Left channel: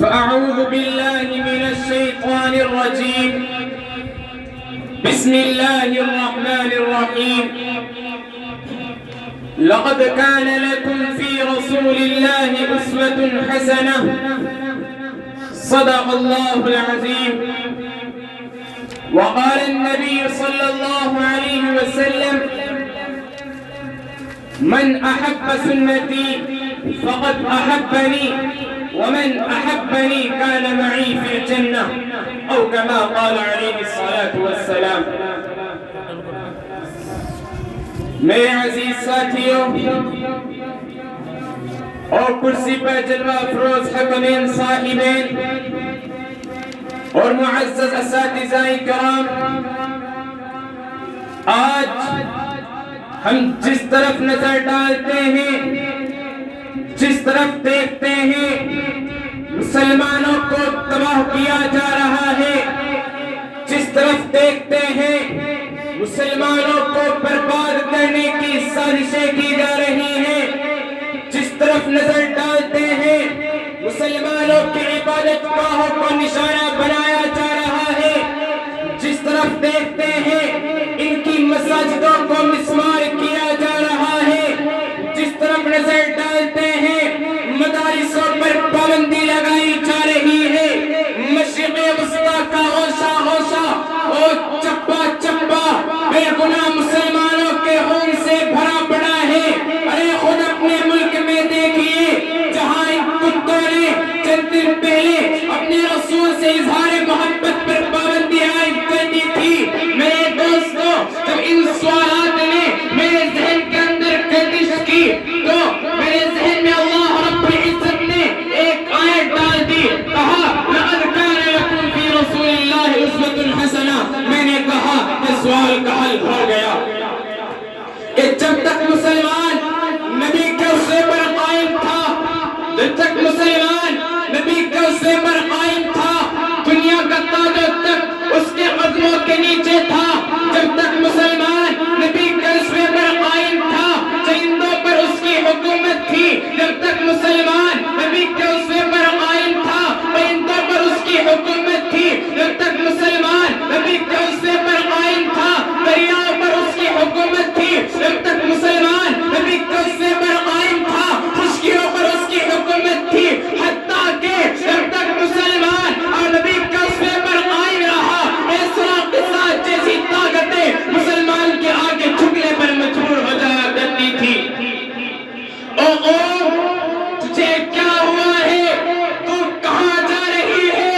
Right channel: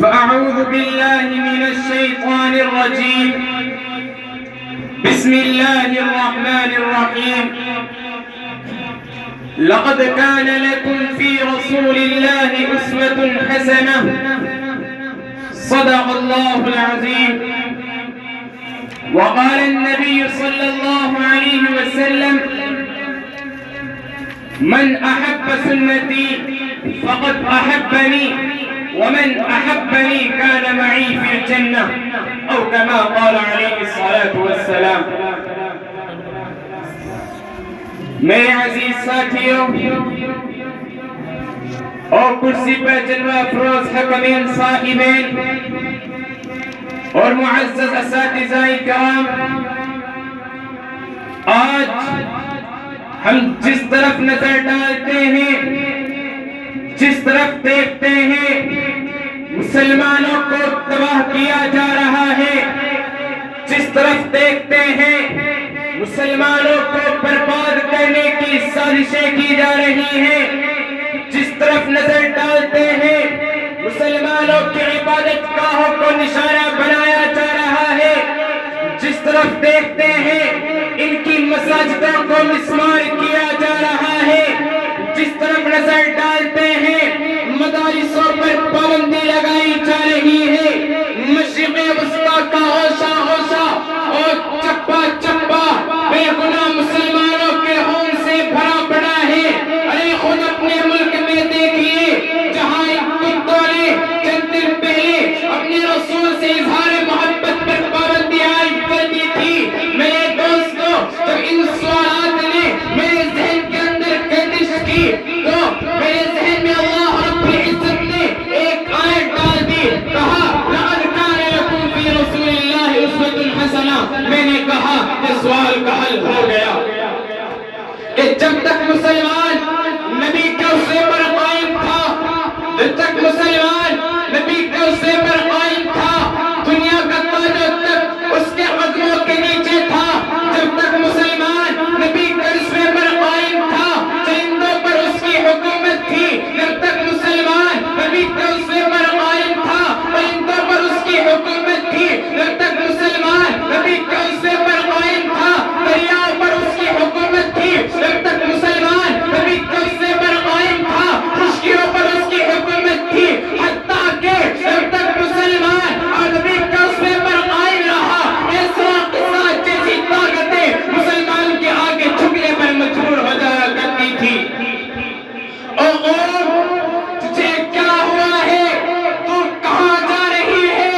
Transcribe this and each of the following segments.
فأعوذ بالله من الشيطان الرجيم. بسم الله الرحمن الرحيم. لقد كان لكم في رسول الله أسوة حسنة. صدق الله العظيم. وقال النبي صلى الله عليه وسلم: من أحب سنتي فقد أحبني ومن أحبني كان معي في الجنة، أو كما قال عليه الصلاة والسلام. میرے عزیز ساتھیوں اور کرسی پر جلوہ افروز حکمین صاحبین اور معزز اساتذہ کرام، آج ہم جس طرف نظر ڈالتے ہیں، جس طرف دیکھتے ہیں، مسلمانوں کو تباہ کیا جا رہا ہے، جس طرف دیکھتے ہیں مسلمانوں کو برباد کرنے کی سازشیں کی جا رہی ہیں، جس طرف نظر ڈالتے ہیں مسلمانوں کی عبادت گاہوں کو نشانہ بنایا جا رہا ہے، جس طرف دیکھتے ہیں ان کی مساجدوں کو مسمار کیا جا رہا ہے، جس طرف نظر ڈالتے ہیں مدارسوں پر پابندی لگائی جا رہی ہے، مشرق وسطیٰ کا ہوشہ ہوشہ اور چپا چپا بے گناہ مسلمانوں کے خون سے بھرا پڑا ہے۔ ارے خود اپنے ملک میں دیکھیے جہاں ان کتوں نے چند دن پہلے اپنے رسول سے اظہار محبت پر پابندی عائد کر دی تھی۔ میرے دوستوں، جب ان سوالات نے میرے ذہن کے اندر گردش کی تو میرے ذہن میں اللہ رب العزت نے ایک آیت ڈال دی، کہا لَقَدْ كَانَ لَكُمْ فِي رَسُولِ اللَّهِ أُسْوَةٌ حَسَنَةٌ۔ میں نے کہا کہ سوال کا حل ہو گیا کہ جب تک مسلمان نبی کے اسوے پر قائم تھا، جب تک مسلمان نبی کے اسوے پر قائم تھا، دنیا کا تاج و تخت اس کے قدموں کے نیچے تھا، جب تک مسلمان نبی کے اسوے پر قائم تھا، چرندوں پر اس کی حکومت تھی، جب تک مسلمان نبی کے اسوے پر قائم تھا، پرندوں پر اس کی حکومت تھی، جب تک مسلمان نبی کے اسوے پر قائم تھا، دریاؤں پر اس کی حکومت تھی، جب تک مسلمان نبی کے اسوے پر قائم تھا، خشکیوں پر اس کی حکومت تھی، حتیٰ کہ جب تک مسلمان اور نبی کے اسوے پر قائم رہا، ایسا قصہ جیسی طاقتیں مسلمان کے آگے جھکنے پر مجبور ہو جایا کرتی تھی۔ او تجھے کیا ہوا ہے؟ تو کہاں جا رہی ہے؟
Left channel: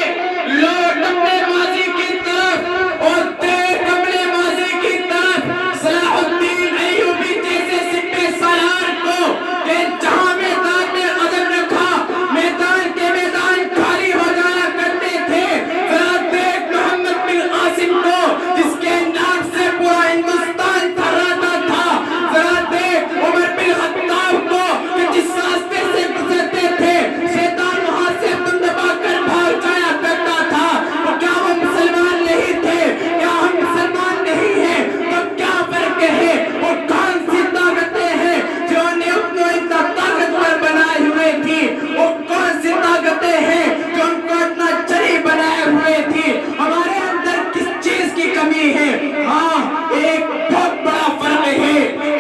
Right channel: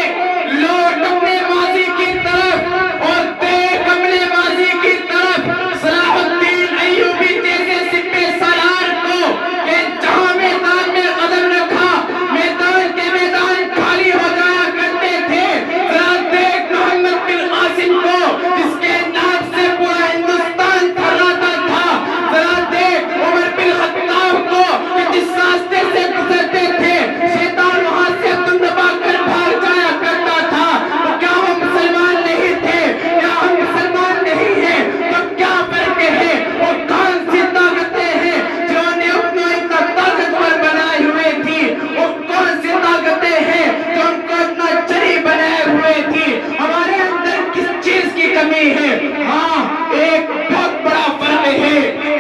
لوٹ اپنے ماضی کی طرف اور دیکھ اپنے ماضی کی طرف، صلاح الدین ایوبی جیسے سپہ سالار کو کہ جہاں میدان میں قدم رکھا میدان کے میدان خالی ہو جایا کرتے تھے۔ ذرا دیکھ محمد بن قاسم کو جس کے نام سے پورا ہندوستان تھراتا تھا، ذرا دیکھ عمر بن خطاب کو کہ جس راستے سے گزرتے تھے شیطان وہاں سے دم دبا کر بھاگ جایا کرتا تھا۔ تو کیا وہ مسلمان نہیں تھے؟ کیا ہم مسلمان نہیں ہیں؟ تو کیا فرق ہے؟ وہ کون سی طاقتیں ہیں جو نے ان کو اتنا طاقتور بنائے ہوئے تھی؟ وہ کون سی طاقتیں ہیں جو ان کو اتنا جری بنائے ہوئے تھی؟ ہمارے اندر کس چیز کی کمی ہے؟ ہاں، ایک بہت بڑا فرق ہے،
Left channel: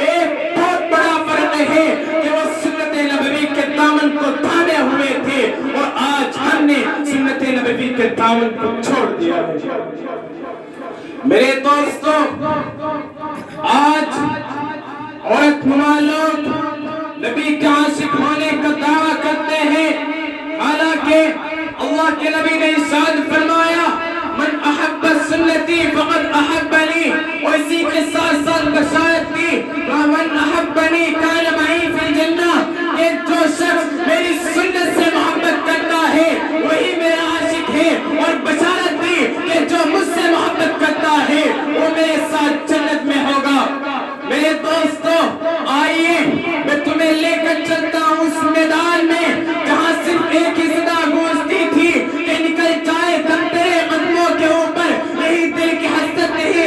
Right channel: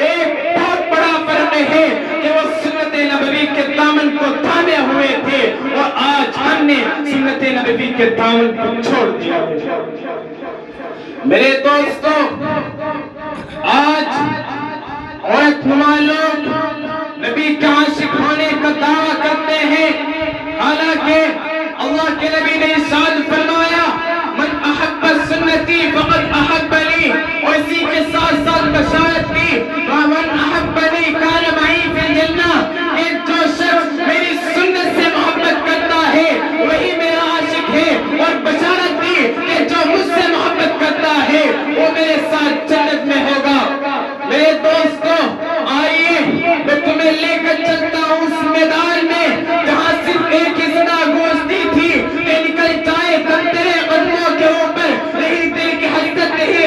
ایک بہت بڑا فرق ہے کہ وہ سنت نبوی کے دامن کو تھامے ہوئے تھے اور آج ہم نے سنت نبوی کے دامن کو چھوڑ دیا ہے۔ میرے دوستوں، آج عورت نما لوگ نبی کے عاشق ہونے کا دعویٰ کرتے ہیں، حالانکہ اللہ کے نبی نے ارشاد فرمایا من احب سنتی فقد احبنی، اور اسی کے ساتھ ساتھ بشارت دی من احبنی کان معی فی الجنہ، کہ جو شخص میری سنت سے محبت کرتا ہے وہی میرا عاشق ہے، اور بشارت دی کہ جو مجھ سے محبت کرتا ہے وہ میرے ساتھ جنت میں ہوگا۔ میرے دوستوں، آئیے میں تمہیں لے کر چلتا ہوں اس میدان میں جہاں صرف ایک ہی صدا گونجتی تھی کہ نکل جائے دم تیرے قدموں کے اوپر، یہی دل کی حسرت نہیں